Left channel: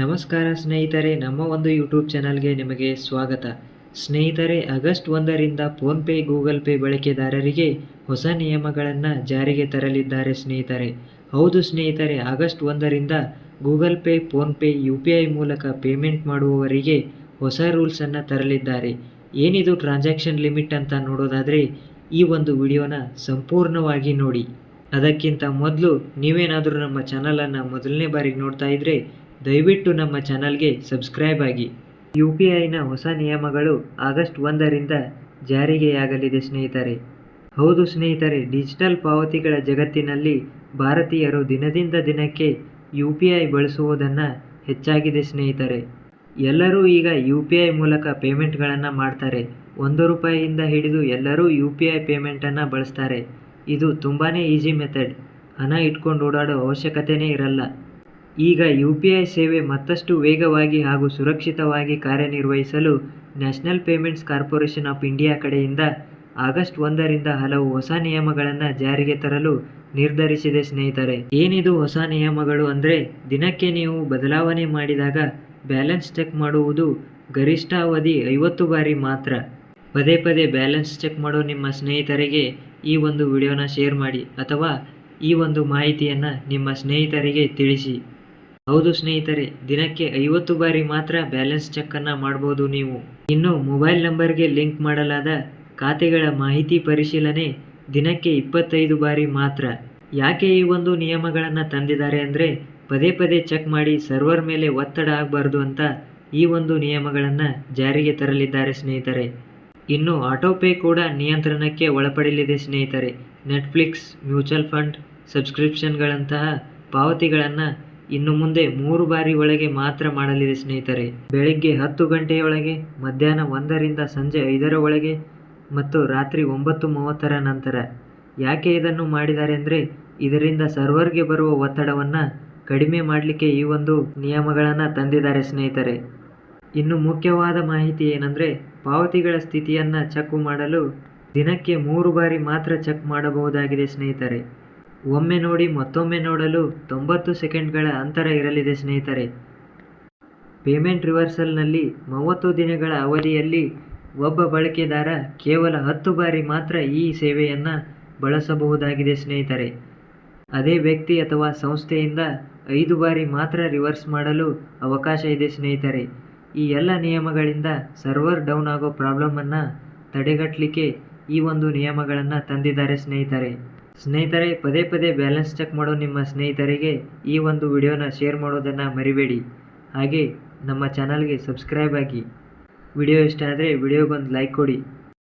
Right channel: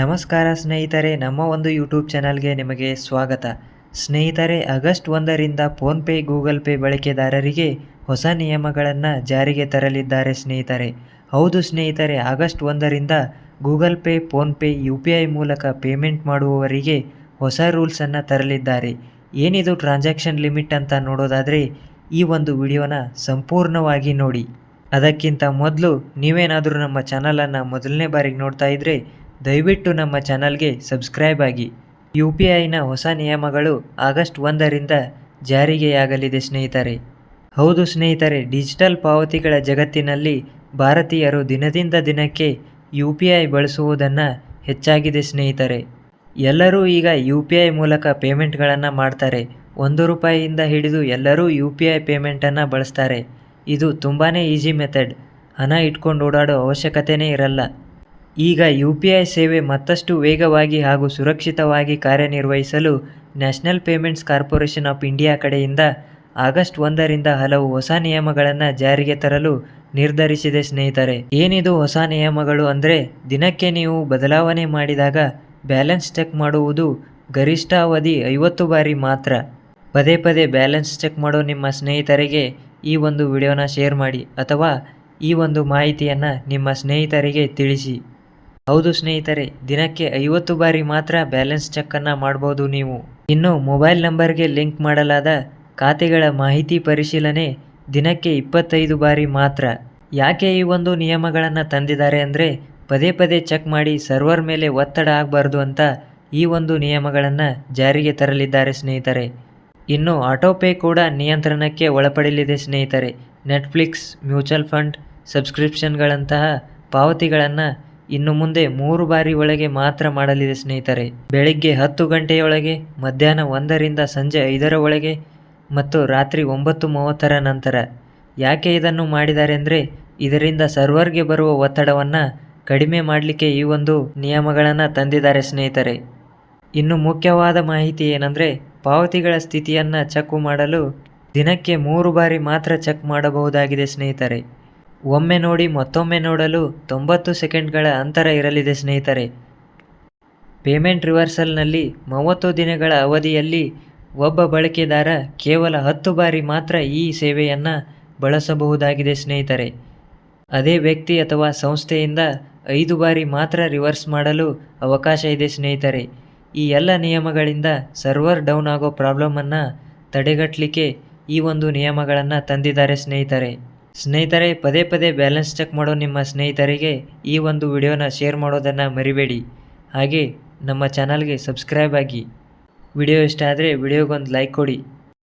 ನಮಸ್ಕಾರ ಸ್ನೇಹಿತರೆ, ನಮ್ಮ ಒಂದು ಯೂಟ್ಯೂಬ್ ಚಾನಲ್ಗೆ ನಿಮಗೆ ಸ್ವಾಗತ. ಸ್ನೇಹಿತರೆ, ಆಗಸ್ಟ್ 1ರಿಂದ ಫೋನ್ಪೇ ಗೂಗಲ್ ಪೇ ಬಳಕೆದಾರರಿಗೆ ಹೊಸ ನಿಯಮಗಳನ್ನು ಜಾರಿಗೆ ತರಲಿದ್ದಾರೆ ಸ್ನೇಹಿತರೆ. ಹೌದು ಸ್ನೇಹಿತರೆ, ಆಗಸ್ಟ್ 1ರಿಂದ ಗೂಗಲ್ ಪೇ, ಫೋನ್ಪೇ, UPI ಮೂಲಕ ಪೇಮೆಂಟ್ ಮಾಡುವವರಿಗೆ ಹೊಸ ರೂಲ್ಸನ್ನು ತರಲಿದ್ದಾರೆ. ಏನಿದು ಟ್ರಾನ್ಸಾಕ್ಷನ್ ಲಿಮಿಟ್ ಅಂತ ನೋಡೋದಾದರೆ ಈ ಒಂದು ವಿಡಿಯೋನ ಸಂಪೂರ್ಣವಾಗಿ ನೋಡಿ. ಅದಕ್ಕಿಂತ ಮೊದಲು ನೀವೇನಾದರೂ ನಮ್ಮ ಚಾನಲನ್ನು ಮೊದಲನೇ ಬಾರಿಗೆ ನೋಡ್ತಾ ಇದ್ದರೆ ದಯವಿಟ್ಟು ನಮ್ಮ ಚಾನಲ್ಗೆ ಸಬ್ಸ್ಕ್ರೈಬ್ ಆಗಿ. UPIನ ಹೊಸ ನಿಯಮಗಳು ಆಗಸ್ಟ್ 1ರಿಂದ ಜಾರಿಗೆಯಾಗಲಿದೆ ಸ್ನೇಹಿತರೆ. ಹೌದು ಸ್ನೇಹಿತರೆ, ಡಿಜಿಟಲ್ ಪಾವತಿಗಳ ಜಗತ್ತಿನಲ್ಲಿ ಭಾರತೀಯರು ದಿನದಿಂದ ದಿನಕ್ಕೆ UPI ಬಳಸುವುದನ್ನು ಹೆಚ್ಚಾಗಿದೆ ಸ್ನೇಹಿತರೆ. ಎಲ್ಲರೂ ಈಗ UPI ಮೂಲಕ ಪೇಮೆಂಟ್ಗಳನ್ನು ಮಾಡ್ತಾರೆ. ₹1 ಹಿಡಿದು ಎಲ್ಲರೂ UPI ಪೇಮೆಂಟನ್ನು ಬಳಸ್ತಾರೆ. ಇದು ತುಂಬಾ ಈಸಿ ಮೆಥಡ್. ಹಣ ಇಟ್ಕೊಂಡು ಓಡಾಡೋ ಅವಶ್ಯಕತೆಯೇ ಇರಲ್ಲ. ಈಗ UPI ಸೇವೆ ಮತ್ತಷ್ಟು ವೇಗವಾಗಿ ಹಾಗೂ ಸುರಕ್ಷಿತವಾಗಿ ಕಾರ್ಯನಿರ್ವಹಿಸಲು national payments corporation of India ಕಡೆಯಿಂದ ಆಗಸ್ಟ್ 1ರಿಂದ ಹಲವು ಹೊಸ ನಿಯಮಗಳನ್ನು ಜಾರಿಗೆ ತರಲು ನಿರ್ಧರಿಸಿದೆ ಸ್ನೇಹಿತರೆ. ಏನಿದು ಹೊಸ ನಿಯಮಗಳು ಅಂದರೆ, ದಿನಕ್ಕೆ ನೀವು ಬದಲಾವಣೆ ಮಾಡಿದಾಗ ಬ್ಯಾಲೆನ್ಸ್ ಚೆಕ್ ಮಾಡುವುದು ಗರಿಷ್ಠ ಅವಧಿ 50 ಬಾರಿ ಮಾತ್ರ. ಪದೇ ಪದೇ ಬ್ಯಾಲೆನ್ಸ್ ಚೆಕ್ ಮಾಡೋ ನಿಮ್ಮ ಸ್ನೇಹಿತರಿಗೆ ಈ ಒಂದು ವಿಡಿಯೋನ ಶೇರ್ ಮಾಡಿ ಅಥವಾ ಈ ಒಂದು ಮಾಹಿತಿಯನ್ನು ನಿಮ್ಮ ಸ್ನೇಹಿತರಿಗೆ ತಿಳಿಸಿ. ಹೌದು ಸ್ನೇಹಿತರೆ, ದಿನಕ್ಕೆ 50 ಬಾರಿ ಮಾತ್ರ ಬ್ಯಾಲೆನ್ಸ್ ಚೆಕ್ಕನ್ನು ಮಾಡ್ಬೋದು ನೀವು. ಇನ್ನು ಮೊಬೈಲ್ ನಂಬರ್ಗೆ ಲಿಂಕ್ ಮಾಡಲಾದ ಖಾತೆಗಳ ಮಾಹಿತಿ ಪರಿಶೀಲನೆ ದಿನಕ್ಕೆ 25 ಬಾರಿ ಮಾತ್ರ. ಯಾಕೆ ಈ ಒಂದು ನಿಯಮಗಳನ್ನು ತಂದಿದ್ದಾರೆ ಅಂದರೆ, ಪದೇ ಪದೇ ಚೆಕ್ ಮಾಡಿ ಸರ್ವರ್ ಮೇಲೆ ಒತ್ತಡ ಆಗಬಾರ್ದು ಅಂತ ಈ ಒಂದು ನಿಯಮಗಳನ್ನು ಜಾರಿಗೆ ತರಲಿದ್ದಾರೆ ಸ್ನೇಹಿತರೆ. ಇನ್ನು ಆಟೋಪೇ ಕೂಡ ನಿಯಂತ್ರಣಕ್ಕೆ ಒಳಪಡಲಿದೆ ಸ್ನೇಹಿತರೆ. ನೆಟ್ಫ್ಲಿಕ್ಸ್, ಮ್ಯೂಚುವಲ್ ಫಂಡ್ ಸಬ್ಸ್ಕ್ರಿಪ್ಷನ್ಗಳಂತಹ ಪಾವತಿಗಳನ್ನು ಇನ್ನು ಮುಂದೆ 3 ಬಾರಿ ಒಳಗೆ ಮಾತ್ರ ಮಾಡಲಿದೆ ಸ್ನೇಹಿತರೆ. ಬೆಳಿಗ್ಗೆ 10 ಗಂಟೆಯೊಳಗೆ, ಮಧ್ಯಾಹ್ನ 1ರಿಂದ ಸಂಜೆ 5ರ ಒಳಗೆ ಮತ್ತು ರಾತ್ರಿ 9:30ರ ನಂತರ. ಯಾಕೆ ಇದನ್ನು ಮಾಡಿದ್ದಾರೆ ಅಂದರೆ, ಇದರಿಂದ ಸರ್ವರ್ಗೆ ಬರುವ ಒತ್ತಡವನ್ನು ಕಡಿಮೆ ಮಾಡಲಿಕ್ಕೆ ಈ ಒಂದು ನಿಯಮಗಳನ್ನು ತಂದಿದ್ದಾರೆ ಸ್ನೇಹಿತರೆ. ಇನ್ನು ಮುಖ್ಯವಾದ ಮಾಹಿತಿ ಏನಂದರೆ, ಪಾವತಿಗಳ ಸ್ಥಿತಿಯನ್ನು ಚೆಕ್ ಮಾಡಲು ದಿನಕ್ಕೆ 3 ಬಾರಿ ಮಾತ್ರ ಚೆಕ್ ಮಾಡಬಹುದಾಗಿದೆ ಸ್ನೇಹಿತರೆ. ಒಮ್ಮೆ ನೋಡಿ ಮತ್ತೊಮ್ಮೆ ನೋಡಲು 90 ಸೆಕೆಂಡ್ಗಳ ಅಂತರ ಇರಲಿದೆ ಸ್ನೇಹಿತರೆ. ಪೇಮೆಂಟ್ ರಿವರ್ಸಲ್ನಲ್ಲಿ 30 ದಿನಗಳ ಅವಧಿಯಲ್ಲಿ ಒಬ್ಬ ಬಳಕೆದಾರ ಕೇವಲ 10 ಬಾರಿ ಮಾತ್ರ ಈ ಸೇವೆಯನ್ನು ಬಳಸಬಹುದಾಗಿದೆ ಸ್ನೇಹಿತರೆ. ಅದೇ ವ್ಯಕ್ತಿ ಅಥವಾ ಸಂಸ್ಥೆಯಿಂದ 5 ಬಾರಿ ಮಾತ್ರ ರಿವರ್ಸ್ ಮಾಡಲು ಅವಕಾಶ ಇದೆ ಸ್ನೇಹಿತರೆ. ಈ ಎಲ್ಲ ನಿಯಮಗಳಿಂದ ಸರ್ವರ್ ಡೌನ್ ಆಗೋ ಪ್ರಾಬ್ಲಮನ್ನು ತಡೆಗಟ್ಟಲಿಕ್ಕೆ ಈ ಒಂದು ನಿಯಮಗಳನ್ನು ತಂದಿದ್ದಾರೆ ಸ್ನೇಹಿತರೆ. ಪದೇ ಪದೇ ಬ್ಯಾಲೆನ್ಸ್ ಚೆಕ್ ಮಾಡೋ ನಿಮ್ಮ ಸ್ನೇಹಿತರಿಗೆ ಈ ಒಂದು ವಿಡಿಯೋನ ಶೇರ್ ಮಾಡೋದನ್ನು ಮರಿಬೇಡಿ. ಹಾಗೆ ನಮ್ಮ ಚಾನಲ್ಗೆ ಸಬ್ಸ್ಕ್ರೈಬ್ ಆಗಿ. ವಿಡಿಯೋ ಇಷ್ಟ ಆದರೆ ವಿಡಿಯೋಗೊಂದು ಲೈಕ್ ಕೊಡಿ.